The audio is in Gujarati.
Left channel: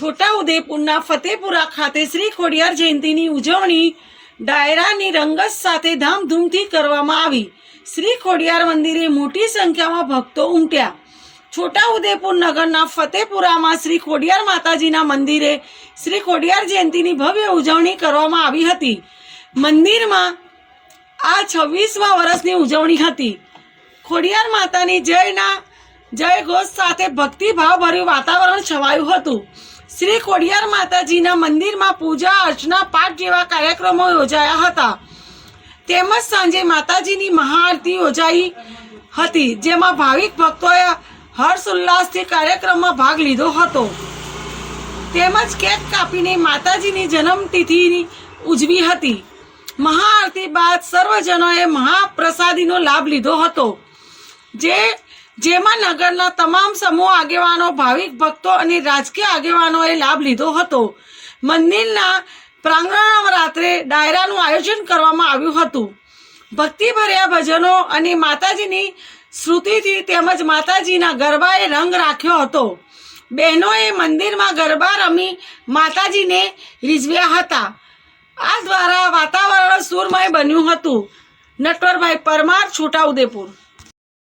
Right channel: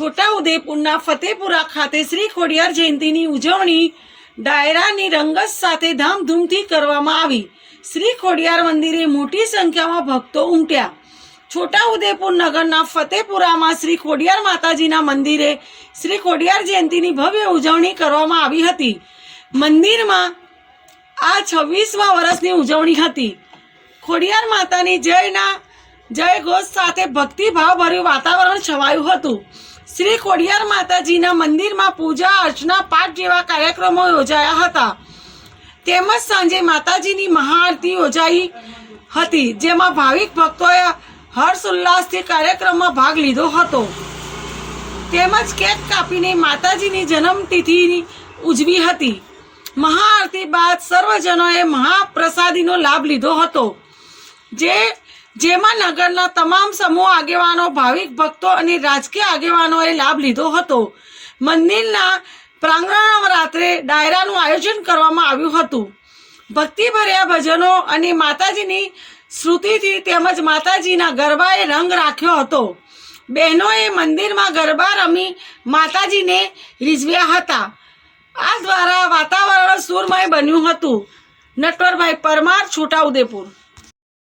છોટાઉદેપુરના ફતેપુરા ખાતે શ્રી ખોડિયાર જયંતિની ઉજવણી ડાયરાની રંગત સાથે ધામધૂમથી કરવામાં આવી. શ્રી ખોડિયાર મંદિરે મોટી સંખ્યામાં ભક્તો ઉમટ્યા. છોટાઉદેપુર નગરના ફતેપુરામાં શ્રી ખોડિયાર માતાજીના મંદિરે શ્રી ખોડિયાર જયંતિની ભવ્ય ઉજવણી કરવામાં આવી હતી. મંદિરમાં આ છવ્વીસમા વર્ષની ઉજવણી હતી. ખોડિયાર માતાની જયના જય ઘોષ સાથે ભક્તિભાવભર્યું વાતાવરણ છવાયું હતું. શ્રી ખોડિયાર માતાજીના મંદિરમાં પૂજા, અર્ચના, પાઠ જેવા કાર્યક્રમો યોજાયા હતા. તેમજ સાંજે માતાજીની મહાઆરતી યોજાઈ હતી, જેમાં ભાવિક ભક્તોએ હર્ષ ઉલ્લાસથી કાર્યક્રમમાં ભાગ લીધો હતો. તેમજ કેક કાપીને માતાજીની જન્મતિથિ ઉજવી હતી. મહાઆરતી બાદ સર્વજનોએ મહાપ્રસાદીનો લાભ લીધો હતો, જે જેમાં નગરના તમામ સમૂહ આગેવાનો, ભાવિક ભક્તો અને રાજકીય આગેવાનોએ લાભ લીધો હતો. મંદિરના પ્રાંગણમાં રાત્રે ડાયરાનું આયોજન કરવામાં આવ્યું હતું. ભક્તિભર્યા ભજનો અને માતાજીની શ્રુતિથી તેમજ માતાજીના ગરબાએ રંગ રાખ્યો હતો. બહેનોએ મંદિરમાં ગરબા રમી માતાજીને રીઝવ્યા હતા. આ દ્વારા વાતાવરણ સુરમય બન્યું હતું. નટવરભાઈ પરમાર છોટાઉદેપુર